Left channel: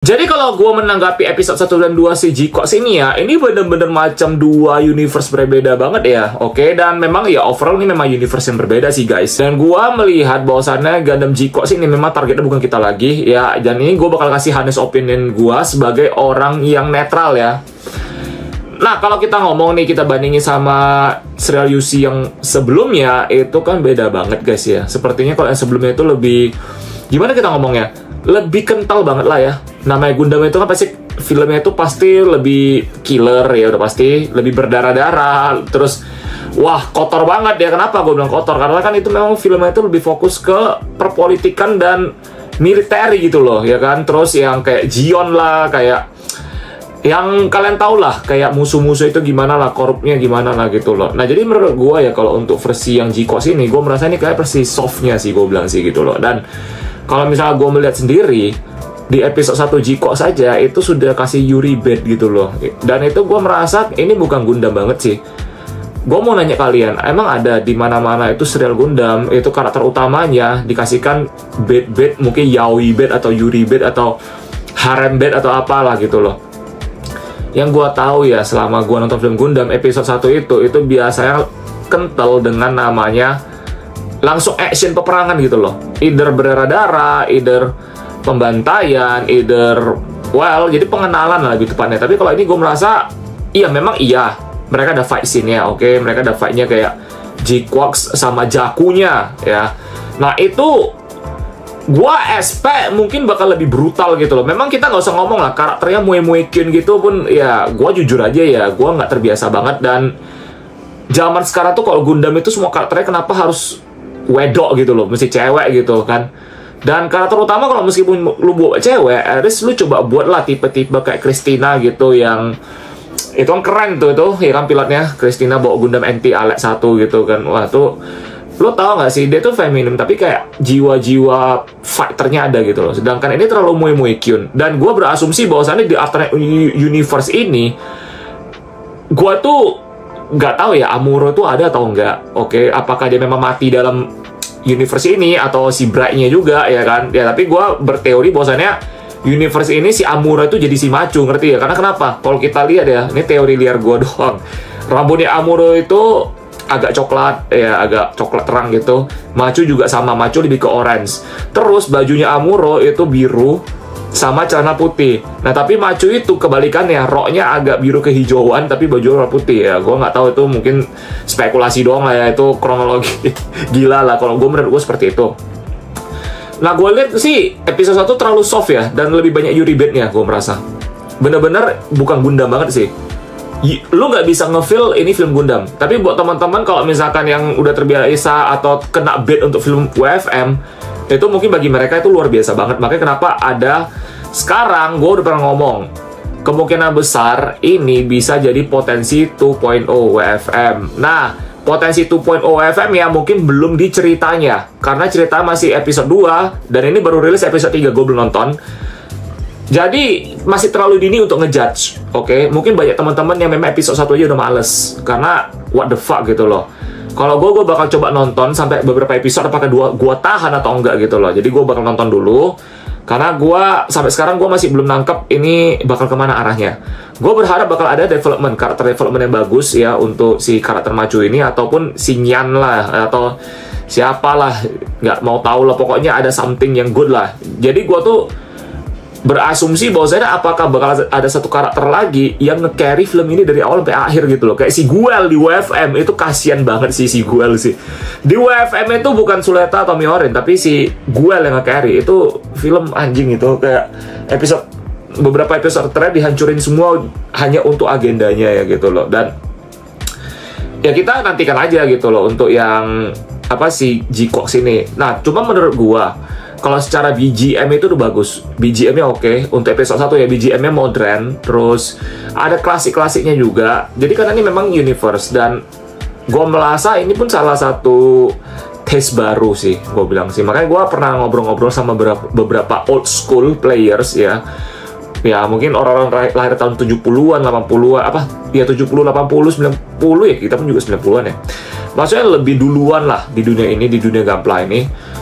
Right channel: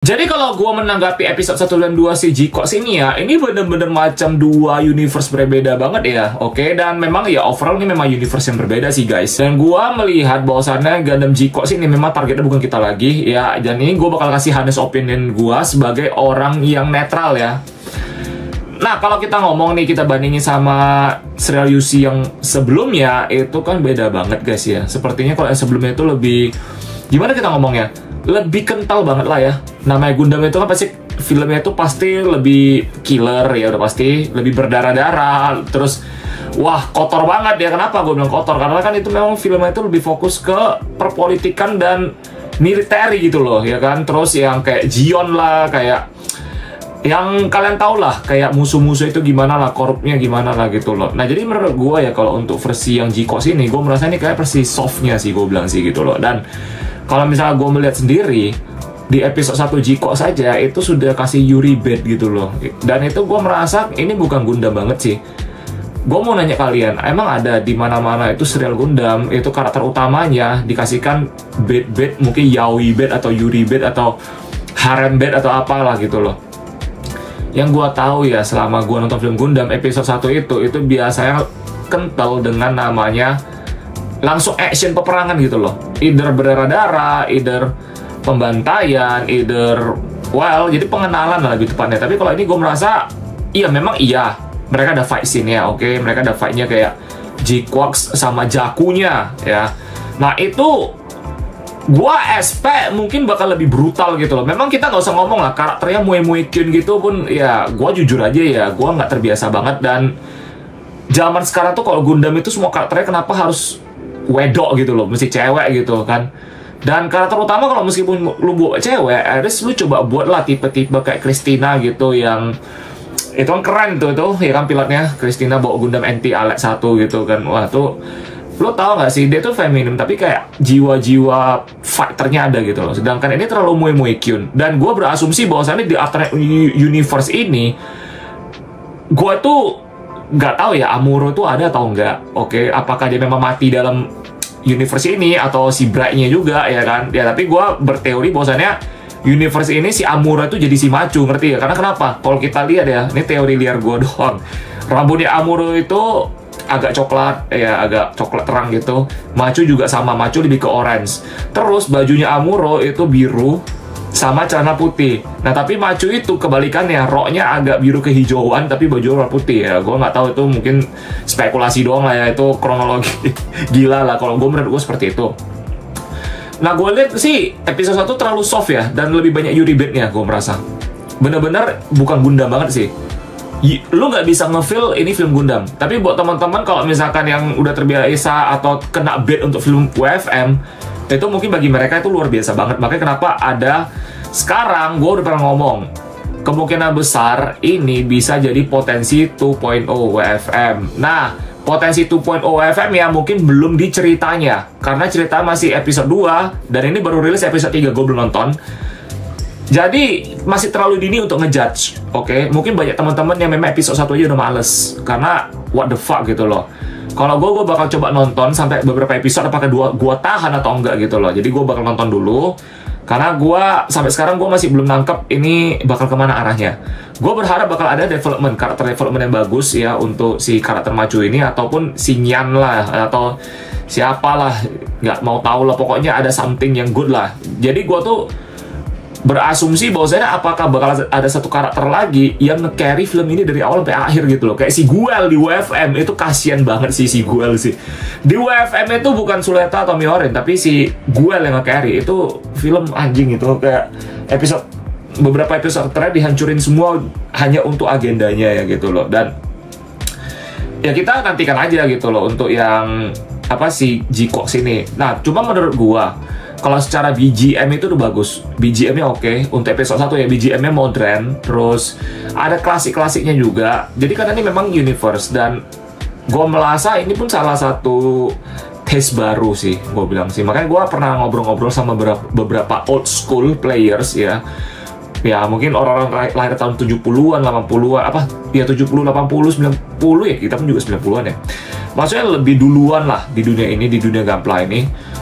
Jadi kalau gue menanggapi episode 1 dan 2 si G-Cox ini ya, ini bener-bener macam dua universe berbeda banget ya, oke? Dan memang ya overall ini memang universe yang berbeda sih guys. Dan gue melihat bahwasannya Gundam G-Cox ini memang targetnya bukan kita lagi ya. Dan ini gue bakal kasih honest opinion gue sebagai orang yang netral ya. Nah kalau kita ngomong nih, kita bandingin sama serial UC yang sebelumnya, itu kan beda banget guys ya. Sepertinya kalau yang sebelumnya itu lebih, gimana kita ngomongnya, lebih kental banget lah ya. Namanya Gundam itu kan pasti filmnya itu pasti lebih killer ya, udah pasti lebih berdarah-darah, terus wah kotor banget ya. Kenapa gue bilang kotor? Karena kan itu memang filmnya itu lebih fokus ke perpolitikan dan militer gitu loh ya kan. Terus yang kayak Gion lah, kayak yang kalian tau lah, kayak musuh-musuh itu gimana lah, korupnya gimana lah gitu loh. Nah jadi menurut gue ya, kalau untuk versi yang G-Cox ini, gue merasa ini kayak versi softnya sih, gue bilang sih gitu loh. Dan kalau misalnya gue melihat sendiri, di episode 1 G-Cox saja itu sudah kasih Yuri bed gitu loh. Dan itu gue merasa ini bukan Gundam banget sih. Gue mau nanya kalian, emang ada di mana-mana itu serial Gundam itu karakter utamanya dikasihkan bed mungkin yaoi bed atau Yuri bed atau harem bed atau apalah gitu loh. Yang gue tahu ya, selama gue nonton film Gundam episode 1 itu biasanya kental dengan namanya langsung action peperangan gitu loh. Either berdarah-darah, either pembantaian, either jadi pengenalan lah lebih tepatnya. Tapi kalau ini gue merasa iya, memang iya mereka ada fight scene-nya, oke, mereka ada fight-nya kayak G-Cox sama Jakunya ya. Nah itu gua expect mungkin bakal lebih brutal gitu loh. Memang kita nggak usah ngomong lah, karakternya Mue Kyun gitu pun ya, gua jujur aja ya, gua nggak terbiasa banget. Dan zaman sekarang tuh kalau Gundam itu semua karakternya kenapa harus wedok gitu loh, mesti cewek gitu kan. Dan karakter utama kalau meskipun lu buat cewek, harus lu coba buat lah tipe-tipe kayak Christina gitu, yang itu kan keren tuh ya kan, pilotnya Christina bawa Gundam NT Alet 1 gitu kan. Wah tuh, lo tau gak sih, dia tuh feminim tapi kayak jiwa-jiwa fighternya ada gitu loh. Sedangkan ini terlalu Mue Kyun. Dan gue berasumsi bahwasannya di alternate universe ini, gue tuh nggak tahu ya Amuro tuh ada atau enggak. Oke, apakah dia memang mati dalam universe ini atau si Bright-nya juga ya kan. Ya tapi gue berteori bahwasannya universe ini si Amuro itu jadi si Machu, ngerti ya? Karena kenapa? Kalau kita lihat ya, ini teori liar gue doang, rambutnya Amuro itu agak coklat ya, agak coklat terang gitu. Machu juga sama, Machu lebih ke orange. Terus bajunya Amuro itu biru sama celana putih. Nah tapi Machu itu kebalikannya, roknya agak biru kehijauan tapi baju warna putih ya. Gue nggak tahu, itu mungkin spekulasi doang lah ya, itu kronologi gila lah. Kalau gue, menurut gue seperti itu. Nah gue lihat sih episode 1 terlalu soft ya, dan lebih banyak Yuri bed-nya gue merasa. Bener-bener bukan Gundam banget sih. Lu nggak bisa nge-feel ini film Gundam. Tapi buat teman-teman kalau misalkan yang udah terbiasa atau kena bed untuk film WFM, itu mungkin bagi mereka itu luar biasa banget. Makanya kenapa ada sekarang, gue udah pernah ngomong, kemungkinan besar ini bisa jadi potensi 2.0 WFM. Nah, potensi 2.0 WFM ya mungkin belum diceritanya, karena cerita masih episode 2 dan ini baru rilis episode 3, gue belum nonton. Jadi masih terlalu dini untuk ngejudge, oke? Mungkin banyak teman-teman yang memang episode 1 aja udah males, karena what the fuck gitu loh. Kalau gue bakal coba nonton sampai beberapa episode, apakah gue tahan atau enggak gitu loh. Jadi gue bakal nonton dulu, karena gue sampai sekarang gue masih belum nangkep ini bakal kemana arahnya. Gue berharap bakal ada karakter development yang bagus ya untuk si karakter Machu ini, ataupun si Nyan lah, atau siapalah, nggak mau tahu lah, pokoknya ada something yang good lah. Jadi gue tuh berasumsi bahwasanya apakah bakal ada satu karakter lagi yang nge-carry film ini dari awal sampai akhir gitu loh. Kayak si Guel di WFM itu kasihan banget sih si Guel sih. Di WFM itu bukan Suleta atau Miorin, tapi si Guel yang nge-carry. Itu film anjing itu, kayak beberapa episode terakhir dihancurin semua hanya untuk agendanya ya gitu loh. Dan ya kita nantikan aja gitu loh untuk yang si G-Cox ini. Nah cuma menurut gua, kalau secara BGM itu udah bagus, BGM-nya oke. Untuk episode 1 ya, BGM-nya modern, terus ada klasik-klasiknya juga. Jadi karena ini memang universe, dan gue merasa ini pun salah satu taste baru sih, gue bilang sih. Makanya gue pernah ngobrol-ngobrol sama beberapa old school players ya. Ya mungkin orang-orang lahir tahun 70-an, 80-an, 70, 80, 90 ya, kita pun juga 90-an ya. maksudnya lebih duluan lah di dunia ini, di dunia Gunpla ini.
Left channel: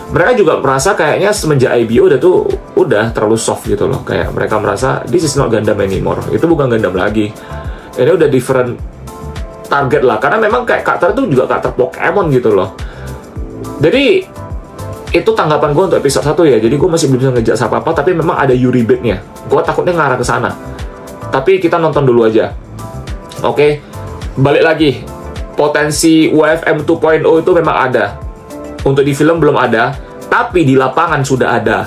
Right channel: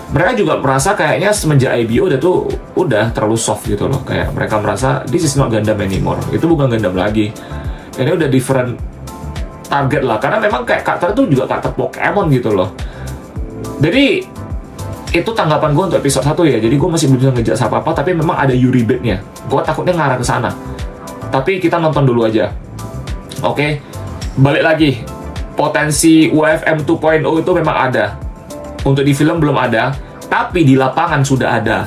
Mereka juga merasa kayaknya semenjak IBO udah terlalu soft gitu loh. Kayak mereka merasa this is not Gundam anymore. Itu bukan Gundam lagi. Ini udah different target lah. Karena memang kayak karakter itu juga karakter Pokemon gitu loh. Jadi itu tanggapan gue untuk episode 1 ya. Jadi gue masih belum bisa ngejudge apa-apa. Tapi memang ada Yuri Bait-nya. Gue takutnya ngarah ke sana. Tapi kita nonton dulu aja. Oke. Balik lagi. Potensi UFM 2.0 itu memang ada. Untuk di film belum ada, tapi di lapangan sudah ada.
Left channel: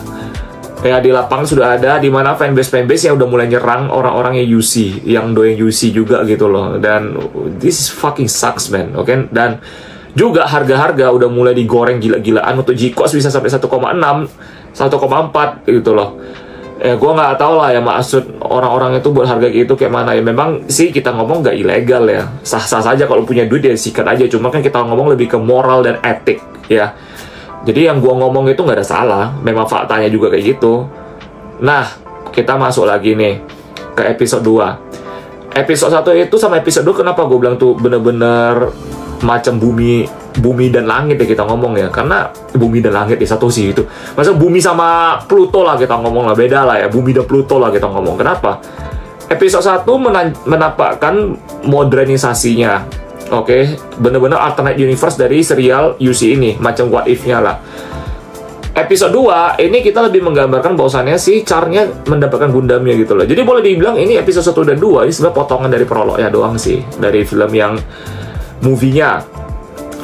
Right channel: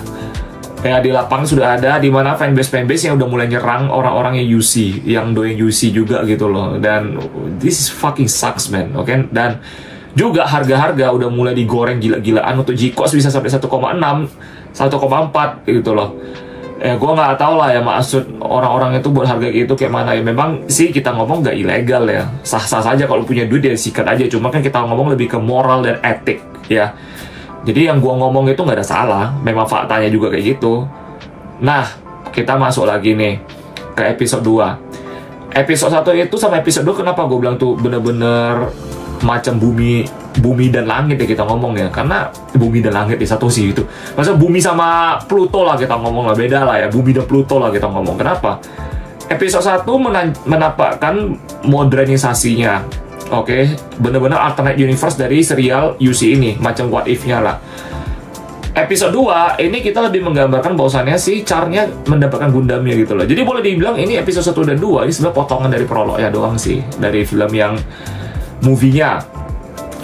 Ya, di lapangan sudah ada, di mana fanbase yang udah mulai nyerang orang-orang yang UC, yang doyan UC juga gitu loh. Dan this is fucking sucks, man. Oke, dan juga harga-harga udah mulai digoreng gila-gilaan. Untuk GCOS bisa sampai 1,6, 1,4 gitu loh. Gue nggak tahu lah ya maksud orang-orang itu buat harga gitu kayak mana ya. Memang sih kita ngomong nggak ilegal ya, sah-sah saja kalau punya duit ya sikat aja. Cuma kan kita ngomong lebih ke moral dan etik ya. Jadi yang gue ngomong itu nggak ada salah, memang faktanya juga kayak gitu. Nah, kita masuk lagi nih ke episode 2. Episode 1 itu sama episode 2 kenapa gue bilang tuh bener-bener macam bumi dan langit ya kita ngomong ya. Karena bumi dan langit di satu sih itu. Maksudnya bumi sama Pluto lah kita ngomong lah, beda lah ya. Bumi dan Pluto lah kita ngomong. Kenapa? Episode 1 menampakkan modernisasinya. Oke, bener-bener alternate universe dari serial UC ini, macam What If-nya lah. Episode 2 ini kita lebih menggambarkan bahwasannya si Char-nya mendapatkan Gundamnya gitu loh. Jadi boleh dibilang ini episode 1 dan 2 ini sebenarnya potongan dari prolognya doang sih, dari film yang movie-nya.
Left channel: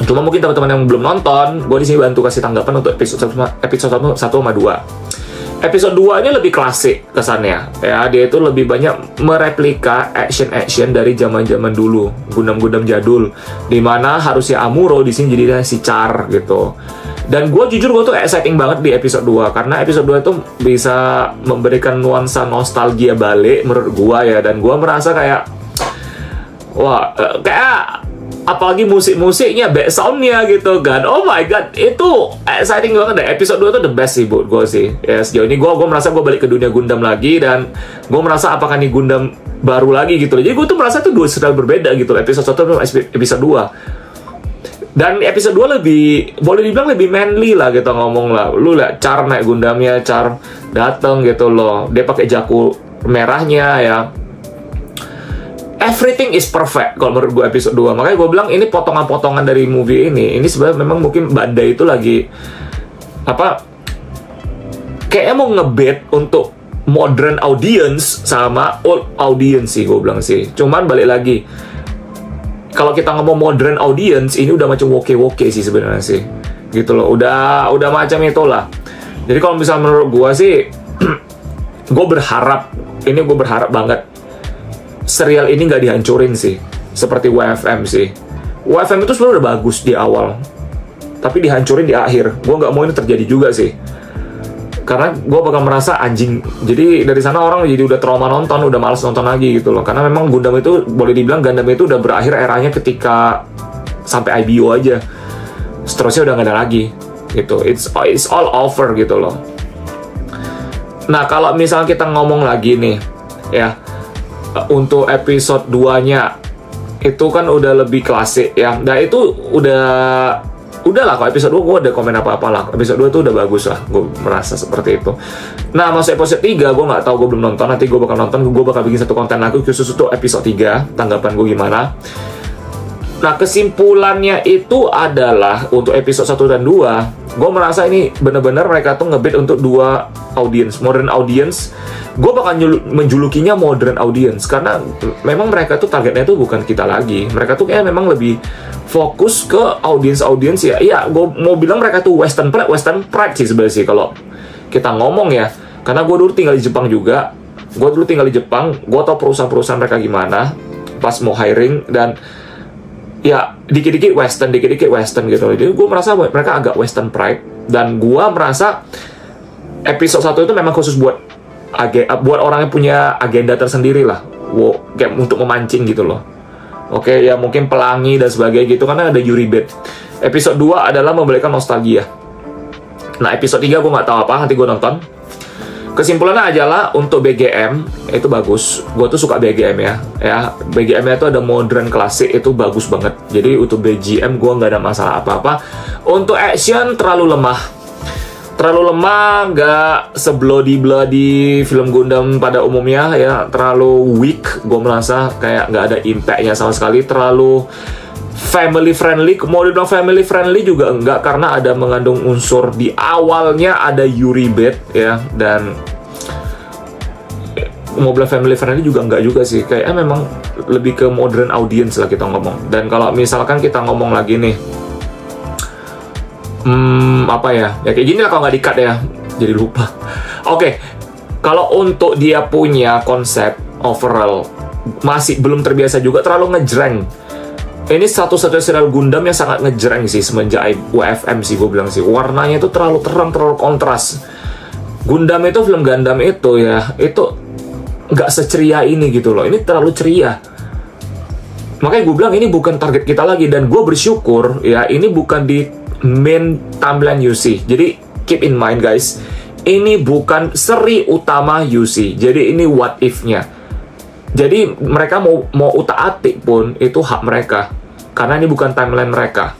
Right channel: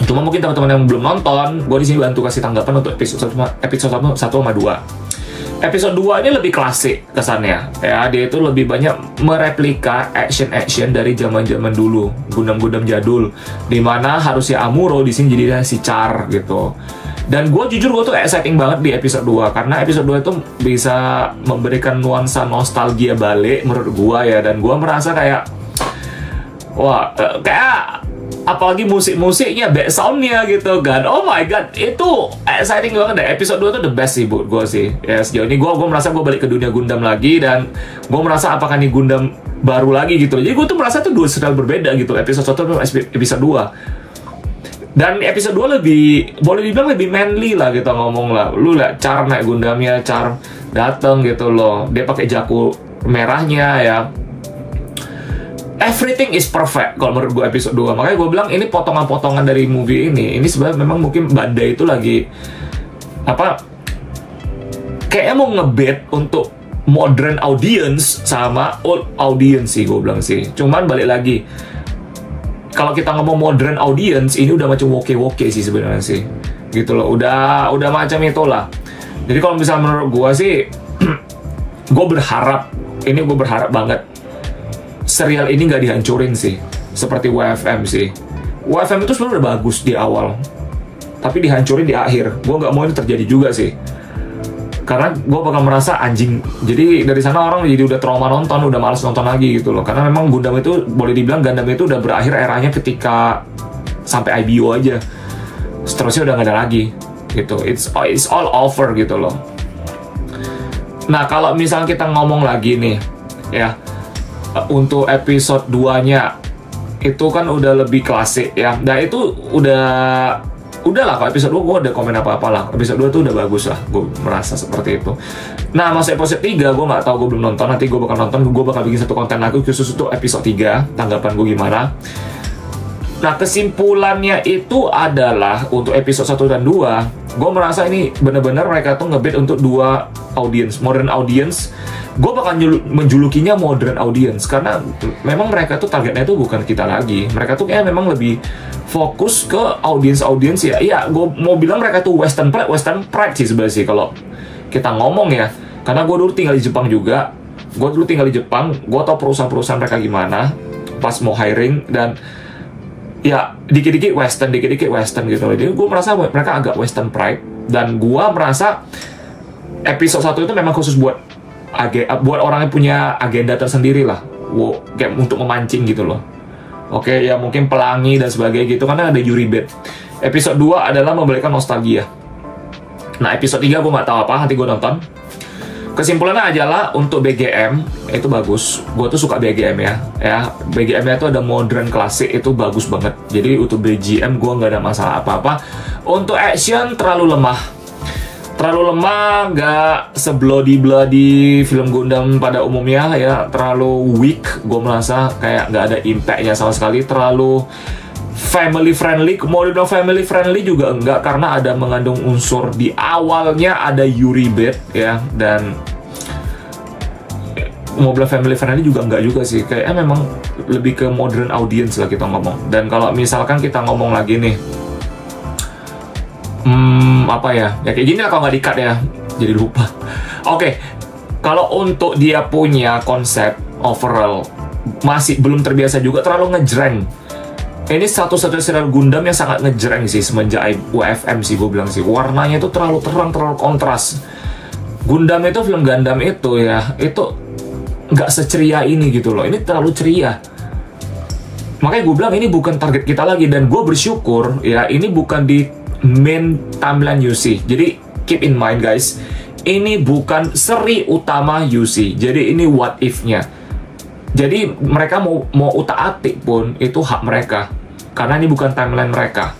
Cuma mungkin teman-teman yang belum nonton, gue di sini bantu kasih tanggapan untuk episode 1 sama 2. Episode 2 ini lebih klasik kesannya. Ya, dia itu lebih banyak mereplika action dari zaman-zaman dulu, Gundam-Gundam jadul, dimana harusnya Amuro di sini jadi si Char gitu. Dan gue jujur gue tuh exciting banget di episode 2 karena episode 2 itu bisa memberikan nuansa nostalgia balik menurut gue ya, dan gue merasa kayak wah, kayak apalagi musik-musiknya, back sound-nya gitu kan. Oh my god, itu exciting banget deh. Episode 2 itu the best sih buat gue sih. Ya, sejauh ini gue merasa gue balik ke dunia Gundam lagi, dan gue merasa apakah nih Gundam baru lagi gitu loh. Jadi gue tuh merasa itu dua style berbeda gitu. Episode 1 sama episode 2. Dan episode 2 lebih, boleh dibilang lebih manly lah kita ngomong lah. Lu lah, Char naik Gundamnya, Char dateng gitu loh. Dia pakai jaku merahnya ya. Everything is perfect kalau menurut gue episode 2. Makanya gue bilang ini potongan-potongan dari movie ini. Ini sebenarnya memang mungkin Bandai itu lagi apa, kayaknya mau ngebet untuk modern audience sama old audience sih, gue bilang sih. Cuman balik lagi, kalau kita ngomong modern audience ini udah macam woke sih sebenarnya sih, gitu loh. Udah macam itulah. Jadi kalau misalnya menurut gue sih gue berharap banget serial ini nggak dihancurin sih, seperti WFM sih. WFM itu sebenarnya udah bagus di awal, tapi dihancurin di akhir. Gue nggak mau ini terjadi juga sih, karena gue bakal merasa anjing. Jadi dari sana orang jadi udah trauma nonton, udah males nonton lagi gitu loh. Karena memang Gundam itu boleh dibilang Gundam itu udah berakhir eranya ketika sampai IBO aja. Seterusnya udah nggak ada lagi gitu. It's all over gitu loh. Nah kalau misalnya kita ngomong lagi nih ya, untuk episode 2-nya itu kan udah lebih klasik ya. Nah itu udahlah, kalau episode 2 gue ada komen apa-apa lah. Episode 2 tuh udah bagus lah, gue merasa seperti itu. Nah masuk episode 3 gue nggak tahu, gue belum nonton. Nanti gue bakal nonton, gue bakal bikin satu konten lagi khusus untuk episode 3, tanggapan gue gimana. Nah kesimpulannya itu adalah untuk episode 1 dan 2, gue merasa ini bener-bener mereka tuh ngebet untuk dua audience, modern audience. Gue bakal menjulukinya modern audience karena memang mereka tuh targetnya tuh bukan kita lagi. Mereka tuh kayak memang lebih fokus ke audience ya. Iya, gue mau bilang mereka tuh western pride sih sebenarnya sih kalau kita ngomong ya. Karena gue dulu tinggal di Jepang juga. Gue tau perusahaan-perusahaan mereka gimana pas mau hiring, dan ya dikit-dikit western gitu loh. Jadi gue merasa mereka agak western pride, dan gue merasa episode 1 itu memang khusus buat orang yang punya agenda tersendiri lah, kayak untuk memancing gitu loh. Oke, ya mungkin pelangi dan sebagainya gitu, karena ada Yuri Bait. Episode 2 adalah memberikan nostalgia. Nah episode 3 gue nggak tahu apa, nanti gue nonton. Kesimpulannya adalah untuk BGM itu bagus. Gue tuh suka BGM ya. BGM-nya itu ada modern klasik, itu bagus banget. Jadi untuk BGM gue nggak ada masalah apa-apa. Untuk action terlalu lemah, nggak se-bloody film Gundam pada umumnya ya. Terlalu weak, gue merasa kayak nggak ada impact-nya sama sekali. Terlalu family friendly, mau dibilang family friendly juga enggak, karena ada mengandung unsur di awalnya ada Yuri Bait ya, dan mau bilang family friendly juga enggak juga sih, kayaknya memang lebih ke modern audience lah kita ngomong. Dan kalau misalkan kita ngomong lagi nih, apa ya kayak gini lah kalau nggak di-cut ya, jadi lupa. Oke, kalau untuk dia punya konsep overall masih belum terbiasa juga, terlalu ngejreng. Ini satu-satunya serial Gundam yang sangat ngejreng sih semenjak WFM sih, gue bilang sih. Warnanya itu terlalu terang, terlalu kontras. Gundam itu, film Gundam itu ya, itu nggak seceria ini gitu loh. Ini terlalu ceria. Makanya gue bilang ini bukan target kita lagi. Dan gue bersyukur ya, ini bukan di main timeline UC. Jadi keep in mind guys, ini bukan seri utama UC. Jadi ini what if-nya. Jadi mereka mau utak-atik pun itu hak mereka, karena ini bukan timeline mereka.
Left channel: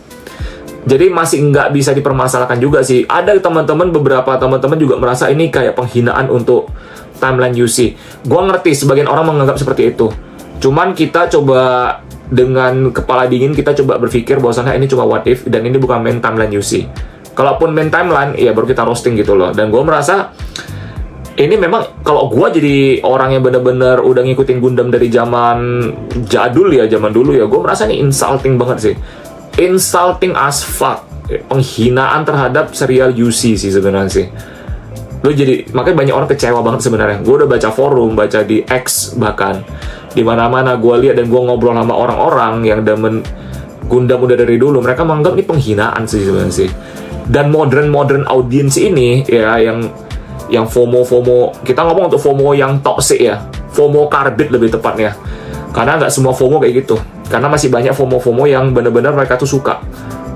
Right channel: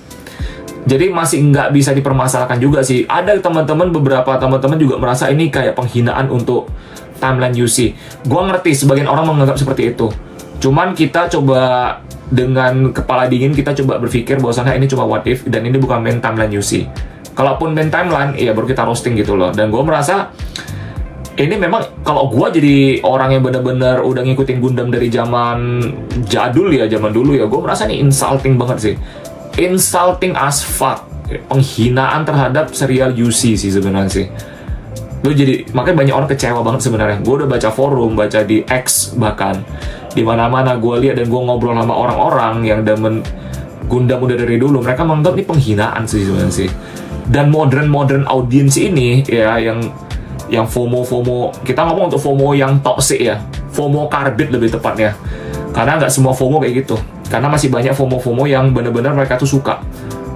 Jadi masih nggak bisa dipermasalahkan juga sih. Ada beberapa teman-teman juga merasa ini kayak penghinaan untuk timeline UC. Gua ngerti sebagian orang menganggap seperti itu. Cuman kita coba dengan kepala dingin, kita coba berpikir bahwasannya ini cuma what if dan ini bukan main timeline UC. Kalaupun main timeline, ya baru kita roasting gitu loh. Dan gue merasa ini memang kalau gue jadi orang yang bener-bener udah ngikutin Gundam dari zaman jadul ya, zaman dulu ya, gue merasa ini insulting banget sih. Insulting as fuck. Penghinaan terhadap serial UC sih sebenarnya sih. Lo jadi, makanya banyak orang kecewa banget sebenarnya. Gue udah baca forum, baca di X bahkan. Di mana-mana gue lihat dan gue ngobrol sama orang-orang yang demen Gundam udah dari dulu. Mereka menganggap ini penghinaan sih sebenarnya sih. Dan modern audience ini ya, yang FOMO, kita ngomong untuk FOMO yang toxic ya, FOMO karbit lebih tepatnya, karena nggak semua FOMO kayak gitu, karena masih banyak FOMO yang benar-benar mereka tuh suka.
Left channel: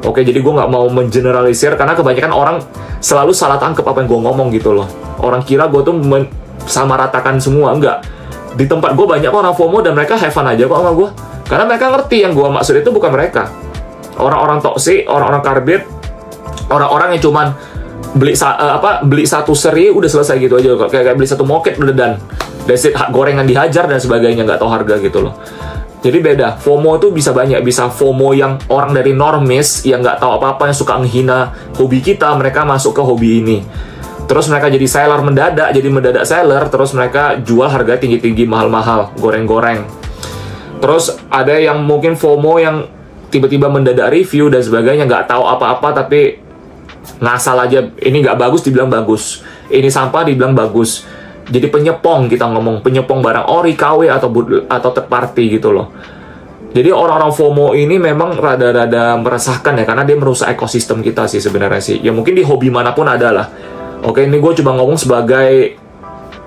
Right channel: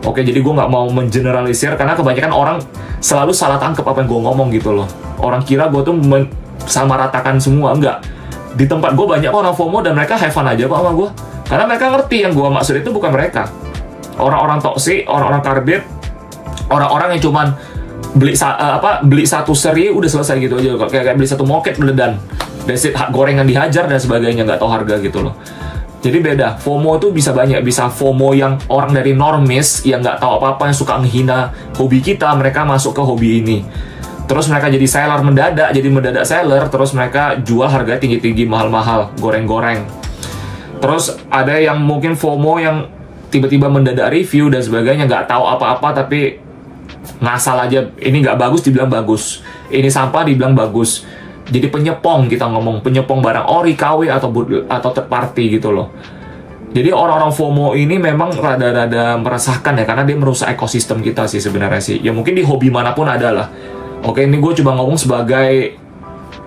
Oke, jadi gue nggak mau mengeneralisir, karena kebanyakan orang selalu salah tangkap apa yang gue ngomong gitu loh. Orang kira gue tuh sama ratakan semua, enggak. Di tempat gue banyak orang FOMO dan mereka have fun aja kok sama gue, karena mereka ngerti yang gue maksud itu bukan mereka. Orang-orang toxic, orang-orang karbit, orang-orang yang cuman beli satu seri udah selesai gitu aja, kayak beli satu moket udah dan gorengan dihajar dan sebagainya, nggak tahu harga gitu loh. Jadi beda, FOMO tuh bisa banyak, bisa FOMO yang orang dari normis yang nggak tahu apa-apa, yang suka menghina hobi kita, mereka masuk ke hobi ini, terus mereka jadi seller mendadak seller, terus mereka jual harga tinggi-tinggi, mahal-mahal, goreng-goreng. Terus ada yang mungkin FOMO yang tiba-tiba mendadak review dan sebagainya, nggak tahu apa-apa tapi ngasal aja, ini nggak bagus dibilang bagus, ini sampah dibilang bagus. Jadi penyepong, kita ngomong penyepong barang ori, KW atau third party gitu loh. Jadi orang-orang FOMO ini memang rada-rada meresahkan ya, karena dia merusak ekosistem kita sih sebenarnya sih. Ya mungkin di hobi manapun ada lah. Oke, ini gue coba ngomong sebagai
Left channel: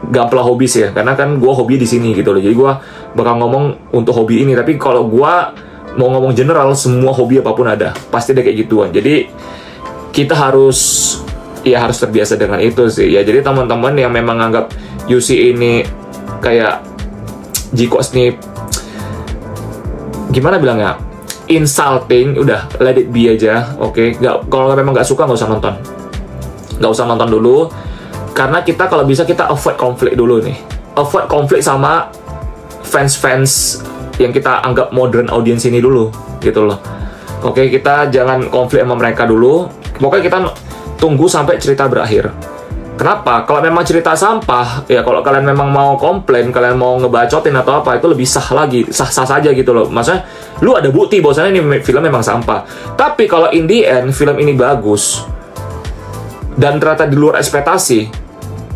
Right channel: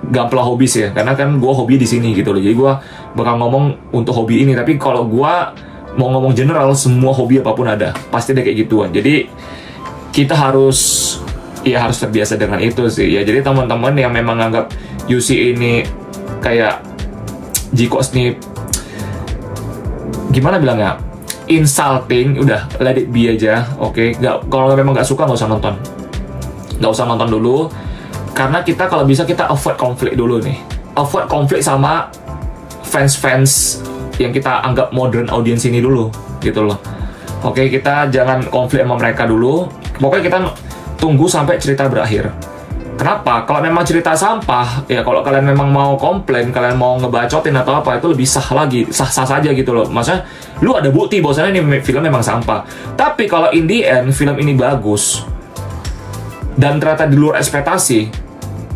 gampla hobis ya, karena kan gue hobi di sini gitu loh. Jadi gue bakal ngomong untuk hobi ini, tapi kalau gue mau ngomong general, semua hobi apapun ada, pasti ada kayak gituan. Jadi kita harus terbiasa dengan itu sih ya. Jadi teman-teman yang memang anggap UC ini kayak G-Cox nih, gimana bilangnya, insulting, udah let it be aja. Oke, kalau memang nggak suka nggak usah nonton dulu, karena kita kalau bisa kita avoid konflik dulu nih, avoid konflik sama fans yang kita anggap modern audience ini dulu gitu loh. Oke, kita jangan konflik sama mereka dulu. Pokoknya kita tunggu sampai cerita berakhir. Kenapa? Kalau memang cerita sampah, ya kalau kalian memang mau komplain, kalian mau ngebacotin atau apa, itu lebih sah lagi, sah-sah saja gitu loh. Maksudnya, lu ada bukti bahwasannya ini film memang sampah. Tapi kalau in the end, film ini bagus, dan ternyata di luar ekspektasi,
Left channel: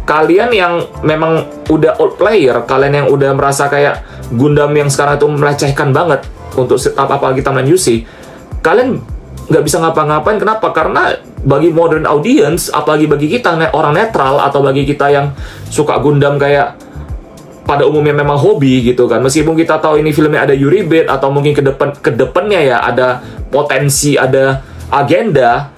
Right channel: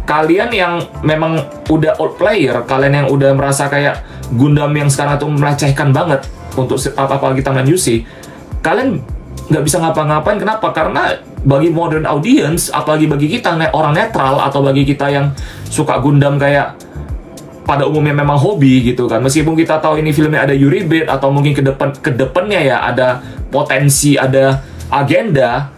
kalian yang memang udah old player, kalian yang udah merasa kayak Gundam yang sekarang itu melecehkan banget untuk apalagi timeline UC, kalian nggak bisa ngapa-ngapain. Kenapa? Karena bagi modern audience, apalagi bagi kita orang netral, atau bagi kita yang suka Gundam kayak pada umumnya memang hobi gitu kan, meskipun kita tahu ini filmnya ada Yuri Bait atau mungkin ke depannya ya ada potensi, ada agenda,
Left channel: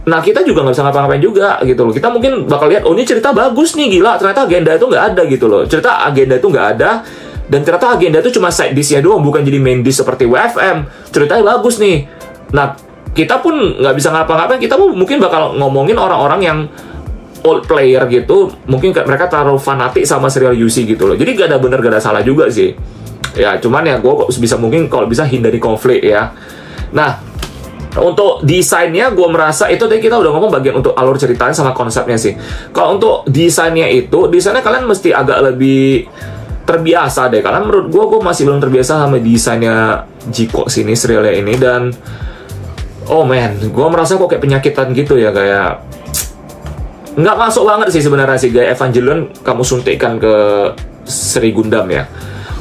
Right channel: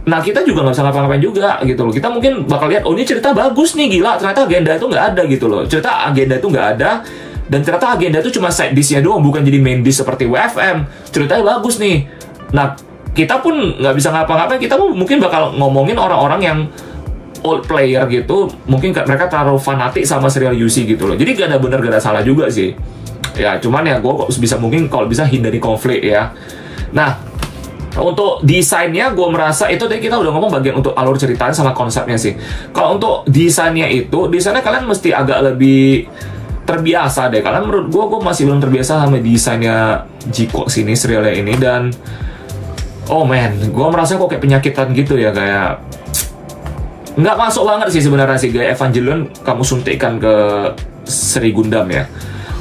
Nah, kita juga nggak bisa ngapa-ngapain juga gitu loh. Kita mungkin bakal lihat, oh ini cerita bagus nih, gila, ternyata agenda itu nggak ada gitu loh. Cerita agenda itu nggak ada, dan ternyata agenda itu cuma side dish-nya doang, bukan jadi main dish seperti WFM. Ceritanya bagus nih. Nah, kita pun nggak bisa ngapa-ngapain, kita mungkin bakal ngomongin orang-orang yang old player gitu, mungkin mereka terlalu fanatik sama serial UC gitu loh. Jadi gak ada bener, gak ada salah juga sih. Ya, cuman ya gue bisa mungkin kalau bisa hindari konflik ya. Nah, untuk desainnya gue merasa itu tadi kita udah ngomong bagian untuk alur ceritanya sama konsepnya sih. Kalau untuk desainnya kalian mesti agak lebih terbiasa deh. Karena menurut gue masih belum terbiasa sama desainnya G-Cox ini, serialnya ini. Dan oh man, gue merasa kok kayak penyakitan gitu ya, kayak nggak masuk banget sih sebenarnya sih gaya Evangelion kamu suntikkan ke seri Gundam ya.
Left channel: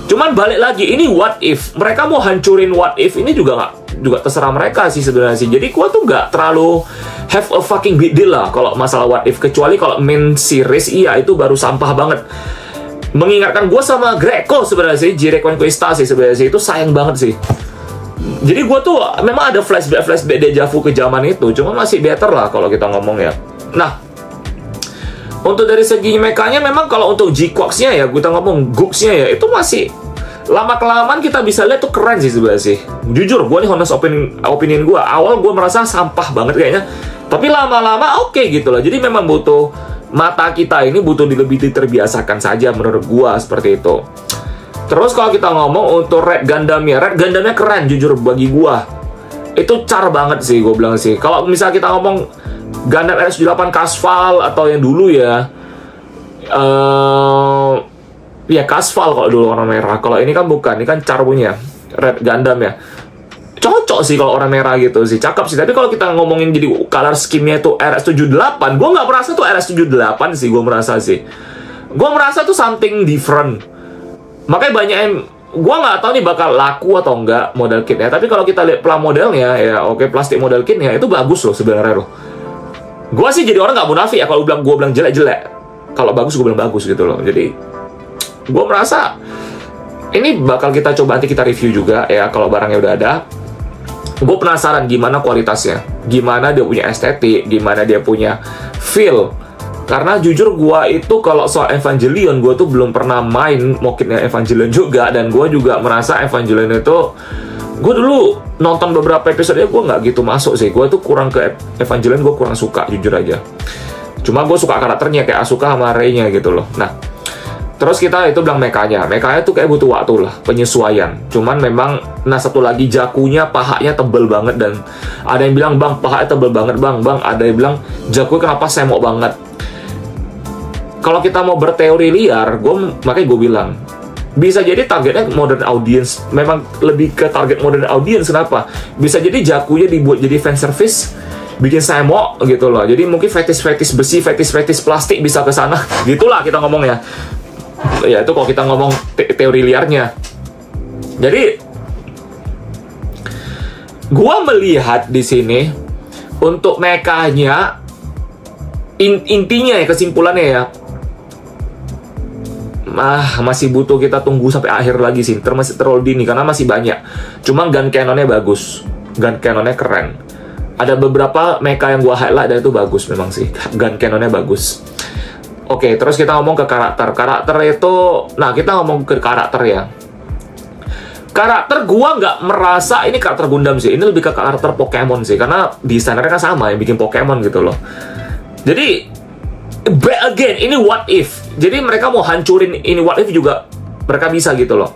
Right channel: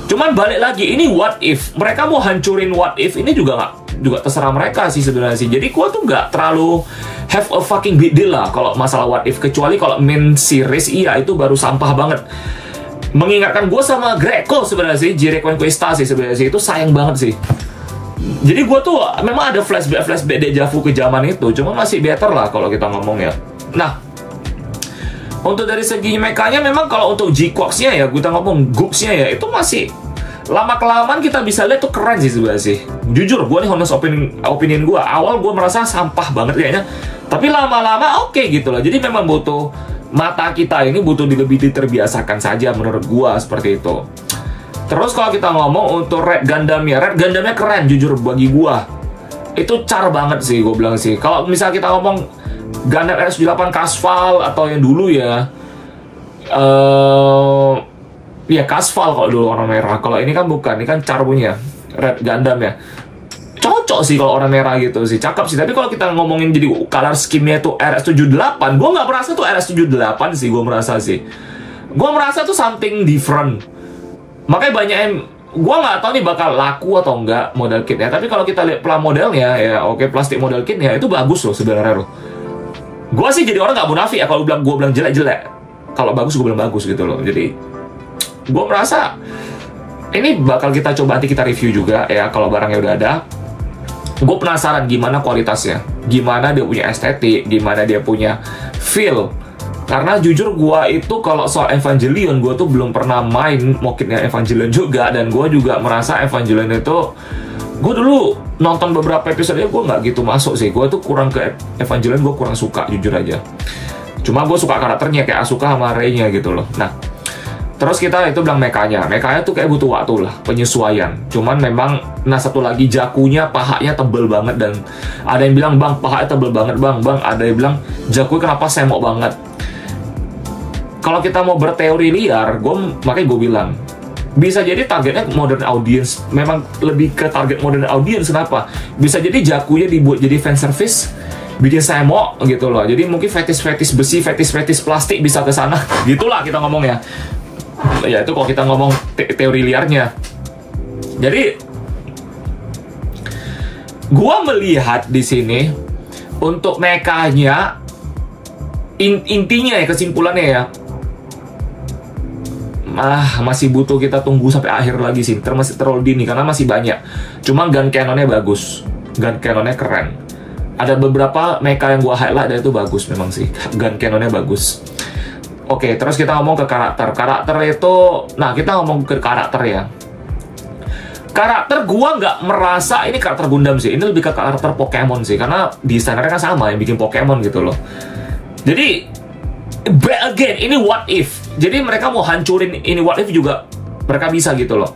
Cuman balik lagi, ini what if mereka mau hancurin what if ini juga terserah mereka sih sebenarnya sih. Jadi gua tuh nggak terlalu have a fucking big deal lah kalau masalah what if, kecuali kalau main series iya itu baru sampah banget. Mengingatkan gue sama Greco sebenarnya sih, G-Reconquista sih sebenarnya sih, itu sayang banget sih. Jadi gue tuh memang ada flashback dejavu ke zaman itu, cuma masih better lah kalau kita ngomong ya. Nah, untuk dari segi mekanya memang kalau untuk G-Cox-nya ya, kita ngomong Gux-nya ya, itu masih lama-kelamaan kita bisa lihat tuh keren sih sebenarnya sih. Jujur, gue nih honest opinion gue, awal gue merasa sampah banget kayaknya, tapi lama-lama oke gitu loh. Jadi memang butuh, mata kita ini butuh lebih diterbiasakan saja menurut gue seperti itu. Terus kalau kita ngomong untuk Red Gundamnya keren jujur bagi gue. Itu car banget sih gue bilang sih. Kalau misalnya kita ngomong Gundam RS-78 Kasval atau yang dulu ya, ya Kasval kalau dulu warna merah. Kalau ini kan bukan, ini kan car punya Red Gundam ya. Cocok sih kalau orang merah gitu sih, cakep sih. Tapi kalau kita ngomongin jadi color scheme-nya tuh RS-78, gue nggak merasa tuh RS-78 sih, gue merasa sih. Gue merasa tuh something different. Makanya banyak yang, gue nggak tahu nih bakal laku atau enggak model kitnya. Tapi kalau kita lihat modelnya ya, oke, plastik model kitnya itu bagus loh sebenarnya loh. Gue sih jadi orang nggak munafik ya kalau gue bilang jelek. Kalau bagus gue bilang bagus gitu loh. Jadi gue merasa ini bakal kita coba nanti kita review juga ya kalau barangnya udah ada. Gue penasaran gimana kualitasnya, gimana dia punya estetik, gimana dia punya feel. Karena jujur gue itu kalau soal Evangelion, gue tuh belum pernah main mungkinnya Evangelion juga. Dan gue juga merasa Evangelion itu, gue dulu nonton beberapa episode gue nggak gitu masuk sih. Gue tuh kurang ke Evangelion, gue kurang suka jujur aja. Cuma gue suka karakternya kayak Asuka sama Rei-nya gitu loh. Nah, terus kita itu bilang mekanya tuh kayak butuh waktu lah, penyesuaian. Cuman memang, nah satu lagi Jakunya pahanya tebel banget. Dan ada yang bilang, bang pahanya tebel banget bang. Ada yang bilang, Jaku kenapa semok banget. Kalau kita mau berteori liar, makanya gue bilang, bisa jadi targetnya modern audience. Memang lebih ke target modern audience, kenapa? Bisa jadi Jakunya dibuat jadi fan service, bikin semok gitu loh. Jadi mungkin fetis besi, fetis plastik bisa ke sana. Gitulah kita ngomong ya. Ya itu kalau kita ngomong teori liarnya. Jadi gua melihat di sini untuk mekanya intinya ya, kesimpulannya ya, masih butuh kita tunggu sampai akhir lagi sih. Masih terlalu dini karena masih banyak. Cuma gun cannonnya bagus, gun cannonnya keren. Ada beberapa mecha yang gua highlight dan itu bagus memang sih. Gun cannonnya bagus. Oke, terus kita ngomong ke karakter. Karakter itu, nah kita ngomong ke karakter ya. Karakter gua nggak merasa ini karakter Gundam sih. Ini lebih ke karakter Pokemon sih. Karena desainernya kan sama yang bikin Pokemon gitu loh. Jadi, back again, ini what if. Jadi mereka mau hancurin ini what if juga mereka bisa gitu loh.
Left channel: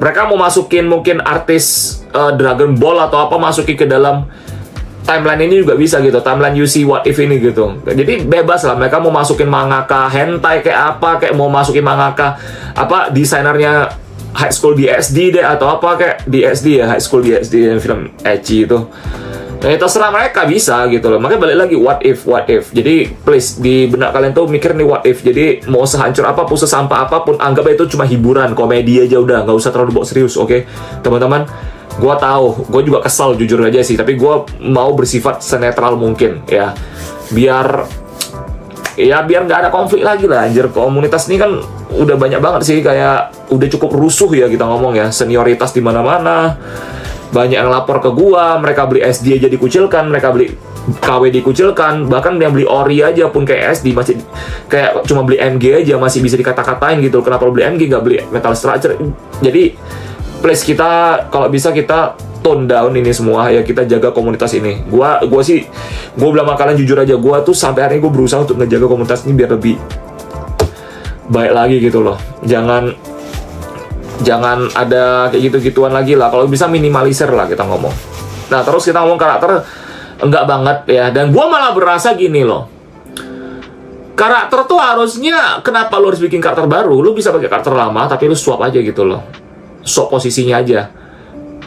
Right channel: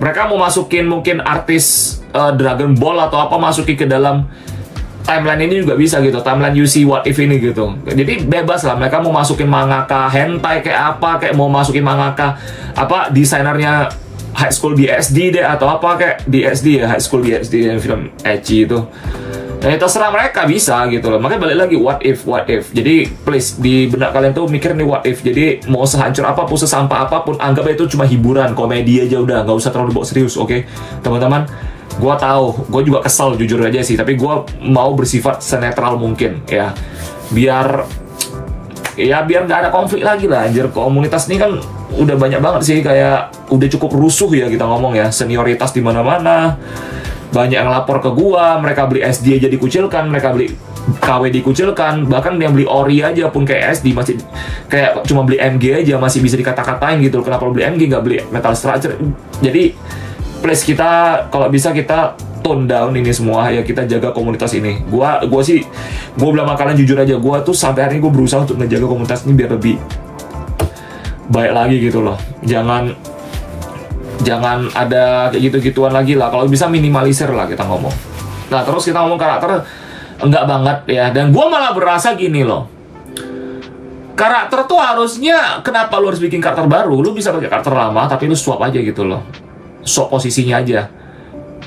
Mereka mau masukin mungkin artis Dragon Ball atau apa, masukin ke dalam timeline ini juga bisa gitu, timeline UC what if ini gitu. Jadi bebas lah, mereka mau masukin mangaka hentai kayak apa, kayak mau masukin mangaka apa desainernya High School DxD deh atau apa kayak DxD ya, High School DxD yang film ecchi itu. Nah itu terserah mereka bisa gitu loh. Makanya balik lagi what if. Jadi please di benak kalian tuh mikir nih what if. Jadi mau sehancur apapun, sesampah apapun, anggap itu cuma hiburan, komedi aja udah, nggak usah terlalu bawa serius, oke? Teman-teman, gue tahu, gue juga kesal jujur aja sih, tapi gue mau bersifat senetral mungkin ya, biar nggak ada konflik lagi lah. Anjir, komunitas ini kan udah banyak banget sih, kayak udah cukup rusuh ya kita ngomong ya, senioritas di mana-mana, banyak yang lapor ke gue, mereka beli SD aja dikucilkan, mereka beli KW dikucilkan, bahkan yang beli ori aja pun kayak SD masih kayak cuma beli MG aja masih bisa dikata-katain gitu. Kenapa lo beli MG nggak beli metal structure? Jadi please, kita kalau bisa kita tone down ini semua ya, kita jaga komunitas ini. Gua bilang makanan jujur aja, gua tuh sampai hari ini gue berusaha untuk ngejaga komunitas ini biar lebih baik lagi gitu loh. Jangan ada kayak gitu-gituan lagi lah. Kalau bisa minimalisir lah kita ngomong. Nah, terus kita ngomong karakter, enggak banget ya. Dan gue malah berasa gini loh, karakter tuh harusnya, kenapa lu harus bikin karakter baru? Lu bisa pakai karakter lama tapi lu swap aja gitu loh, swap posisinya aja.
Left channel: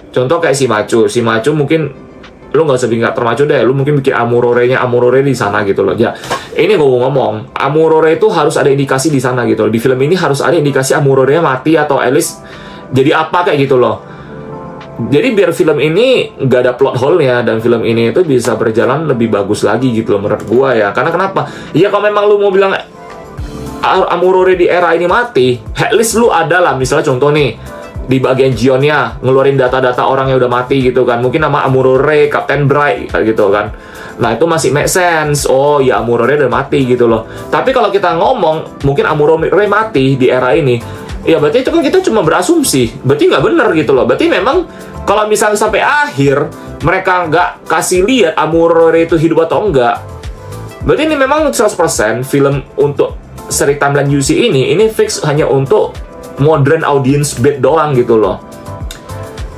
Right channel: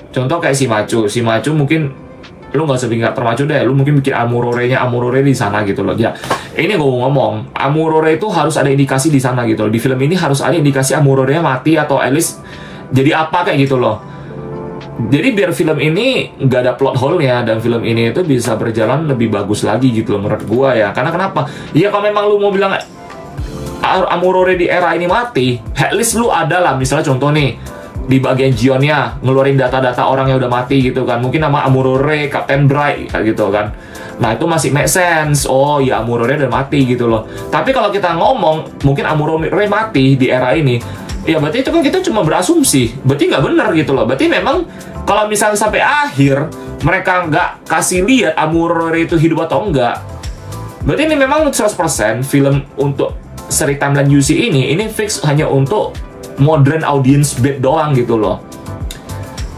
Contoh kayak si Machu mungkin lu nggak usah bikin karakter Machu deh, lu mungkin bikin Amurore di sana gitu loh. Ya, ini gue mau ngomong, Amurore itu harus ada indikasi di sana gitu loh. Di film ini harus ada indikasi Amurore mati atau at least jadi apa kayak gitu loh. Jadi biar film ini nggak ada plot hole-nya dan film ini itu bisa berjalan lebih bagus lagi gitu loh menurut gua ya. Karena kenapa? Ya kalau memang lu mau bilang Amurore di era ini mati, at least lu ada lah, misalnya contoh nih di bagian Gionnya ngeluarin data-data orang yang udah mati gitu kan, mungkin nama Amurore, Captain Bright gitu kan. Nah itu masih make sense, oh ya Amurore udah mati gitu loh. Tapi kalau kita ngomong mungkin Amurore mati di era ini, ya berarti itu kan kita cuma berasumsi, berarti nggak bener gitu loh. Berarti memang kalau misalnya sampai akhir mereka nggak kasih lihat Amurore itu hidup atau enggak, berarti ini memang 100% film untuk seri timeline UC ini fix hanya untuk modern audience bed doang gitu loh.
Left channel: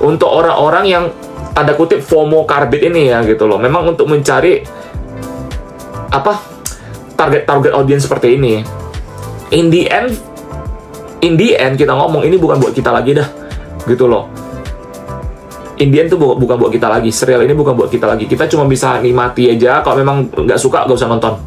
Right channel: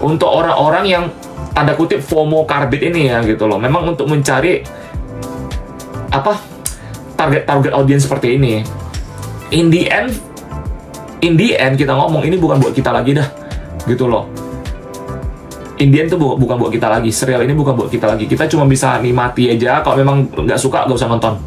Untuk orang-orang yang ada kutip FOMO karbit ini ya gitu loh. Memang untuk mencari apa target audience seperti ini. In the end kita ngomong ini bukan buat kita lagi dah gitu loh. In the end tuh bukan buat kita lagi. Serial ini bukan buat kita lagi. Kita cuma bisa nikmati aja. Kalau memang nggak suka, nggak usah nonton.